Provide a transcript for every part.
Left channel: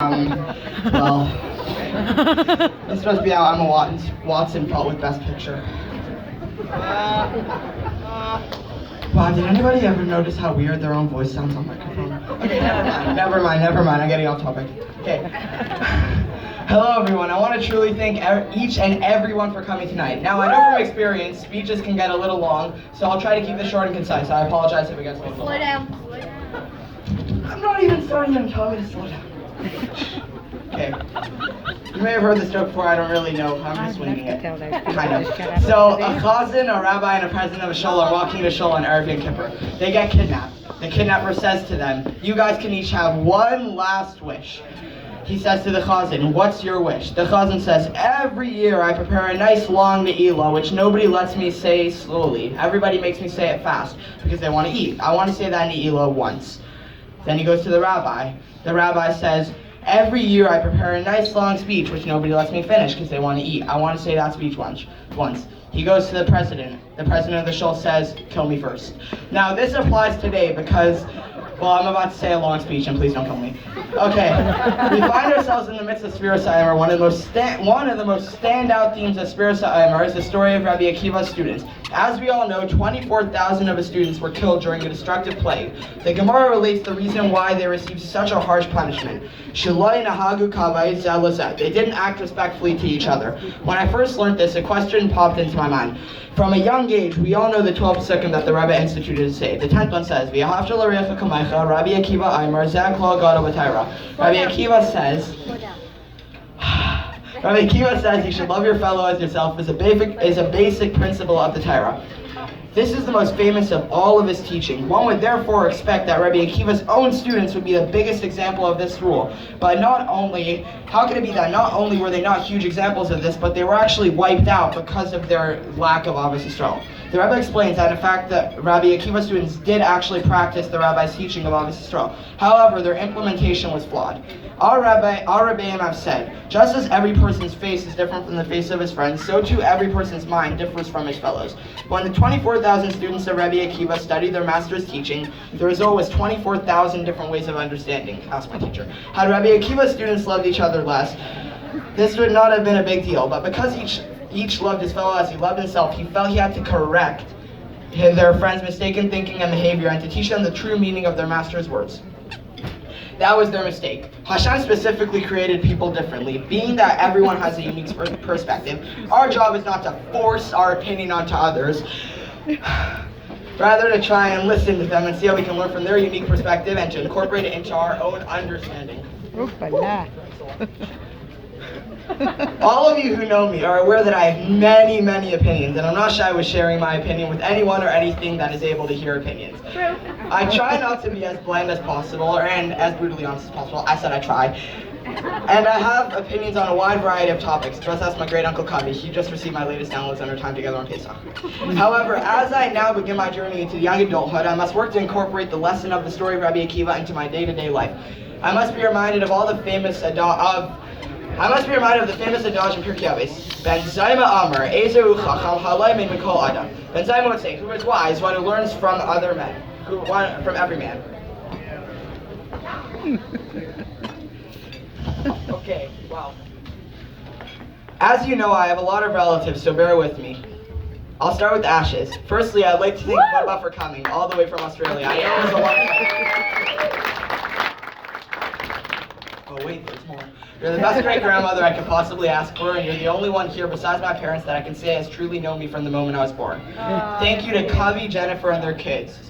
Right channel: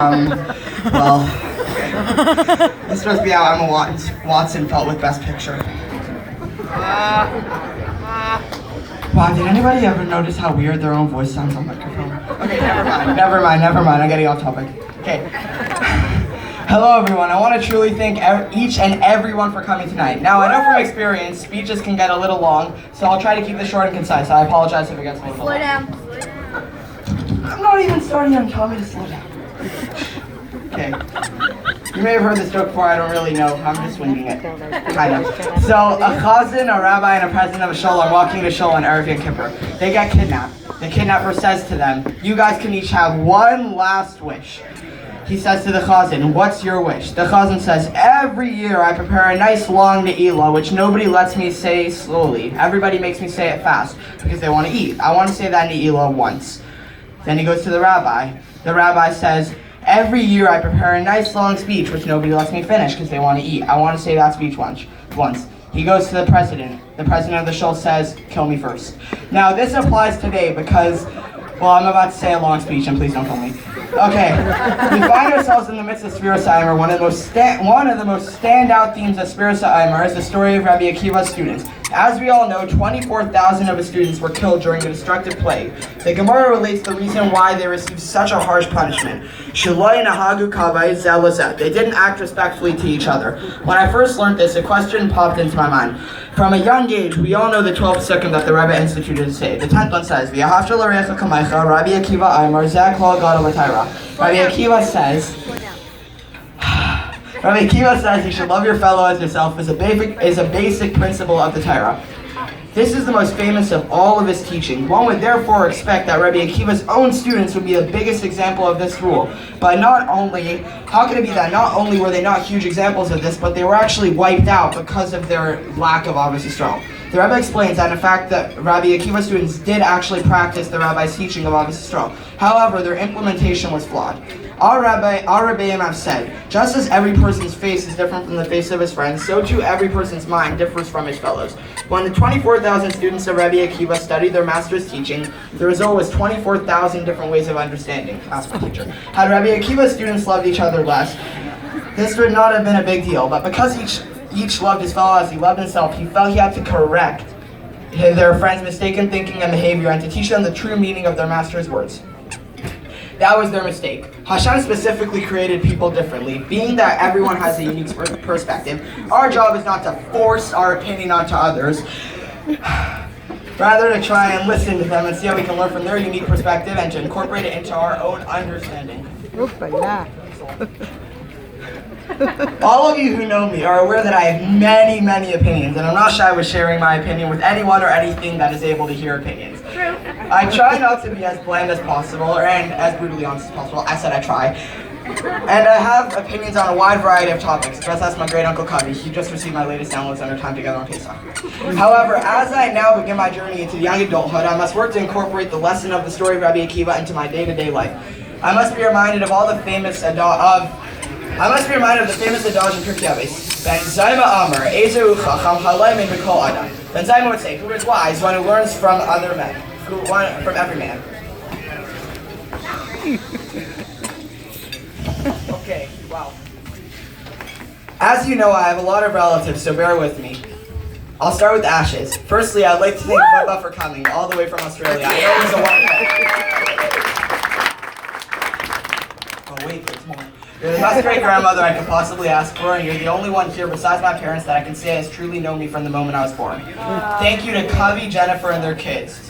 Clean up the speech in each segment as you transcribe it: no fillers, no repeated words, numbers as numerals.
Well, this must be how Emma Watson felt with Best Picture. Wow, did anybody ever notice how weird their own voice sounds on microphone? Okay, never mind, I'm getting off topic. Okay. Hello everyone, I want to truly thank each and everyone for coming tonight. Now, I know from experience, speeches can get a little long, so I'll try to keep this short and concise. I apologize if it gets a little long. Slow down. I'm not even starting, I'm telling you to slow down. Okay. You may have heard this joke before, I don't really know. I'm just winging it. Kind of. So, a chazan, a rabbi, and a president of a shul are walking to shul on Erev Yom Kippur. They get kidnapped. The kidnapper says to them, you guys can each have one last wish. He says to the chazan, what's your wish? The chazan says, every year I prepare a nice long ne'ilah, which nobody lets me say slowly. Everybody makes me say it fast, because they want to eat. I want to say that ne'ilah once. Then he goes to the rabbi. The rabbi says, every year I prepare a nice long speech, which nobody lets me finish because they want to eat. I want to say that speech once. He goes to the president. The president of the shul says, kill me first. Now this applies today because, well, I'm about to say a long speech and please don't kill me. Okay, we find ourselves in the midst of Spirit Saimer. One of the most standout themes of Spirit Saimer is the story of Rabbi Akiva's students. As we all know, 24,000 of his students were killed during a destructive plague. The Gemara relates the reason why they received such a harsh punishment. They didn't act respectfully to each other. When I first learned this, a question popped into my mind. From a young age, we all know the 12th second that the Rebbe instituted to say. The 10th one says, Rabbi Akiva Aimer, Rabbi Akiva says, Rabbi Akiva says you should love your fellow as yourself is a basic principle of the Torah. This is the most famous of all of his teaching. One would therefore expect that Rabbi Akiva's own students would be the biggest example of this rule. But how could it be that not only were they not huge examples of this, but they were actually wiped out because of their lack of Avos Yisrael? The Rebbe explains that in fact that Rabbi Akiva's students did actually practice the Rabbi's teaching of Avos Yisrael. However, their implementation was flawed. Our Rebbeim have said, just as every person's face is different from the face of his friends, so too every person's mind differs from his fellows. When the 24,000 students of Rabbi Akiva studied their master's teaching, the result was 24,000 different ways of understanding. Ask my teacher. Had Rabbi Akiva's students loved each other less, this would not have been a big deal. But because each loved his fellow as he loved himself, he felt he had to correct their friends' mistaken thinking and behavior and to teach them the true meaning of their master's words. That was their mistake. Hashem specifically created people differently. Being that everyone has a unique perspective, our job is not to force our opinion onto others, rather to try and listen to them and see how we can learn from their unique perspective and to incorporate it into our own understanding. All of you who know me are aware that I have many, many opinions, and I'm not shy with sharing my opinion with anyone or anything that is able to hear opinions. True. I try not to be as bland as possible and as brutally honest as possible. I said I try. And I have opinions on a wide variety of topics. Just ask my great uncle Kavi. He just received my latest downloads on our time together on Pesach. However, as I now begin my journey into young adulthood, I must work to incorporate the lesson of the story of Rabbi Akiva into my day-to-day life. I must be reminded of the famous adage in Pirkei Avos. Ben Zayma Amar, Ezu Chacham Halay Min Mikol Adam. Ben Zayma would say, who is wise? One who learns from other men. From every man. Okay, wow. As you know, I have a lot of relatives, so bear with me. I'll start with Ashes. Firstly, I'd like to thank Bubba for coming all the way from Australia. I know there's a lot. Oh wait, there's more. You're the best great-grandmother I could possibly ask for, and you're the only one here besides my parents that I can say has truly known me from the moment I was born. Thank you to Covey, Jennifer, and their kids.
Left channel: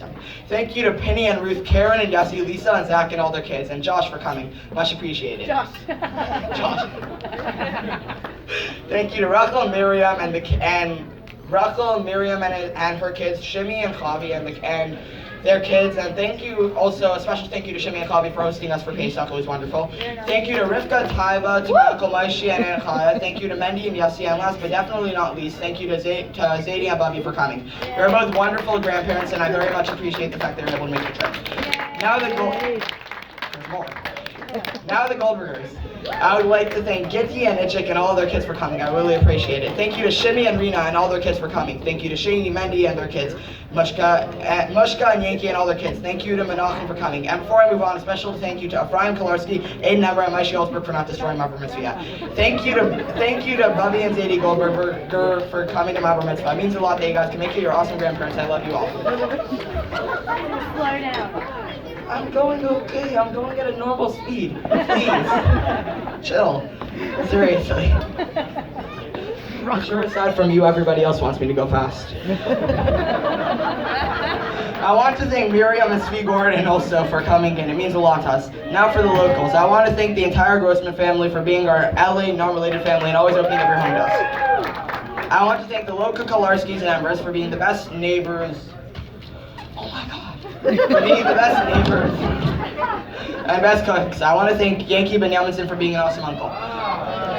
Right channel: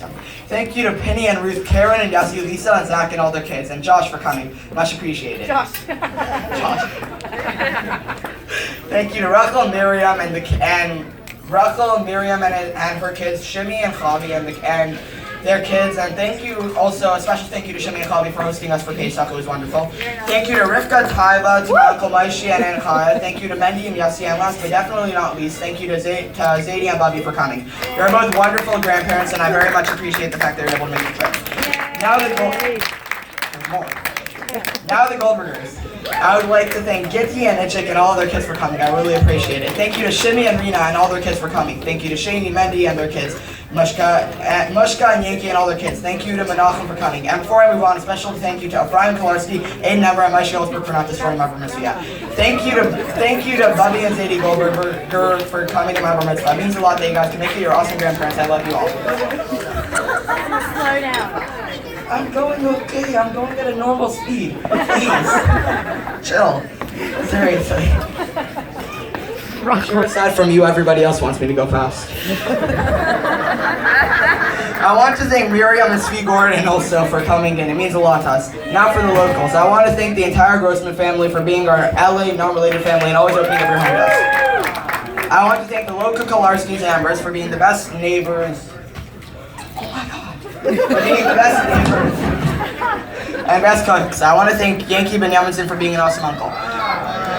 Thank you to Penny and Ruth, Karen, and Yossi, Lisa, and Zach, and all their kids, and Josh for coming. Much appreciated. Josh. Thank you to Rachel, Miriam, and her kids, Shimmy and Chavi, and their kids, and thank you also, a special thank you to Shimmy and Chavi for hosting us for Pesach. It was wonderful. Thank you to Rivka, Taiva, to Uncle Maishi and Anchaya. Thank you to Mendy and Yossi, and last but definitely not least, thank you to Zadie and Bobby for coming. You're both wonderful grandparents, and I very much appreciate the fact that you're able to make the trip. Now the Goldbergers. I would like to thank Gitty and Itchik and all of their kids for coming. I really appreciate it. Thank you to Shimmy and Rena and all their kids for coming. Thank you to Shani, Mendy, and their kids. Mushka and Yankee and all their kids. Thank you to Menachem for coming. And before I move on, a special thank you to Brian Kolarski, Aiden Ever, and Mike Schultzberg for not destroying my bar mitzvah yet. Thank you to Bubby and Zadie Goldberg for coming to my bar mitzvah. It means a lot that you guys can make it your awesome grandparents. I love you all. Slow down. I'm going okay. I'm going at a normal speed. Please. Chill. Seriously. I'm sure aside from you, everybody else wants me to go fast. I want to thank Miriam and Svi Gordon also for coming in. It means a lot to us. Now for the locals. I want to thank the entire Grossman family for being our LA non-related family and always opening up your home to us. I want to thank the local Kolarskis and Embers for being the best neighbors. Oh my God. For being the best neighbors and best cooks. I want to thank Yankee Benjaminson for being an awesome uncle.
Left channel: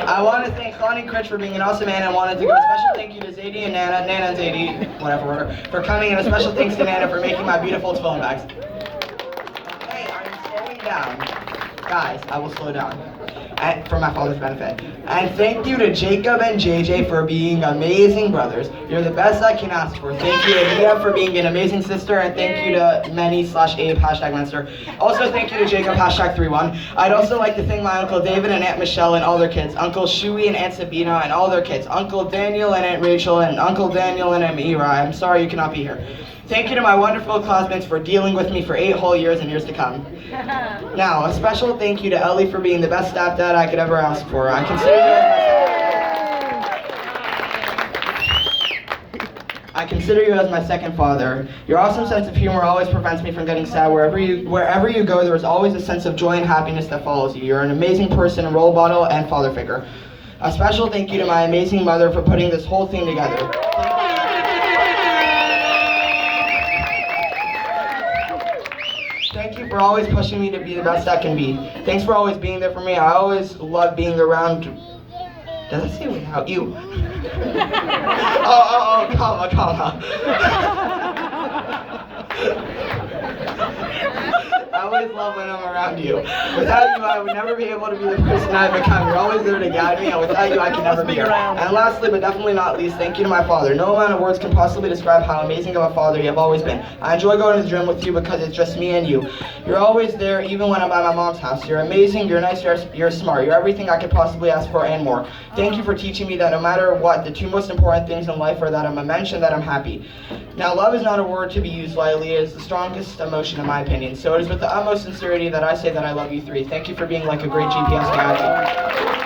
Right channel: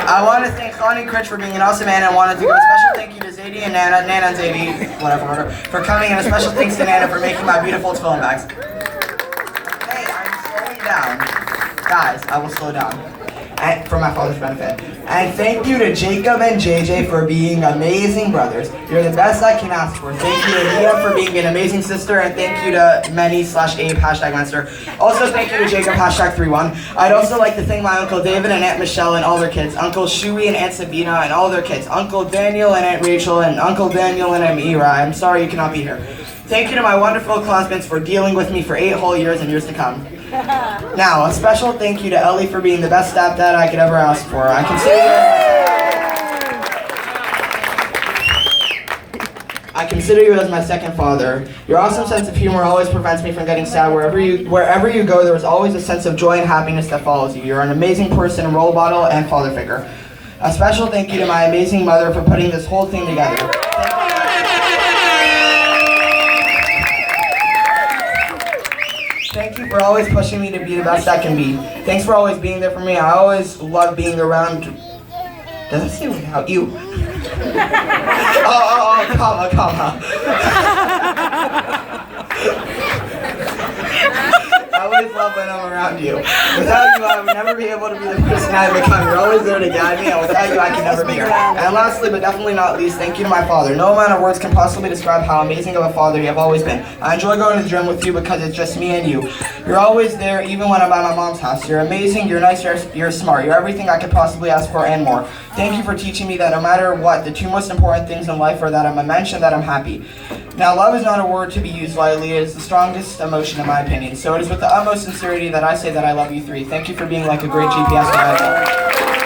I want to thank Connie Critch for being an awesome man, and I wanted to give a special thank you to Zadie and Nana and Zadie, whatever, for coming, and a special thanks to Nana for making my beautiful tefillin bags. Hey, I'm slowing down. Guys, I will slow down. And for my father's benefit. And thank you to Jacob and JJ for being amazing brothers. You're the best I can ask for. Thank you to Mia for being an amazing sister, and thank you to Many/Abe #Menster. Also thank you to Jacob #31. I'd also like to thank my Uncle David and Aunt Michelle and all their kids, Uncle Shuey and Aunt Sabina and all their kids, Uncle Daniel and Aunt Rachel and Uncle Daniel and Aunt Ira. I'm sorry you cannot be here. Thank you to my wonderful classmates for dealing with me for 8 whole years and years to come. Now, a special thank you to Ellie for being the best stepdad I could ever ask for. I consider you as my second father. Your awesome sense of humor always prevents me from getting sad. Wherever you go, there is always a sense of joy and happiness that follows you. You're an amazing person, role model, and father figure. A special thank you to my amazing mother for putting this whole thing together. Thank you for always pushing me to be the best I can be. Thanks for always being there for me. I always love being around. Does it seem like how you? Comma. I always love when I'm around you. Without you, I would never be able to be the person I've become. You're always there to guide me, and without you, I can never be here. And lastly, but definitely not least, thank you to my father. No amount of words can possibly describe how amazing of a father you have always been. I enjoy going to the gym with you because it's just me and you. You're always there, even when I'm at my mom's house. You're amazing, you're nice, you're smart. You're everything I could possibly ask for and more. Thank you for teaching me that no matter what, the 2 most important things in life are that I'm a mensch and that I'm happy. Now, love is not a word to be used lightly. It is the strongest emotion in my opinion. So it is with the utmost sincerity that I say that I love you 3. Thank you for being like a great GPS guide.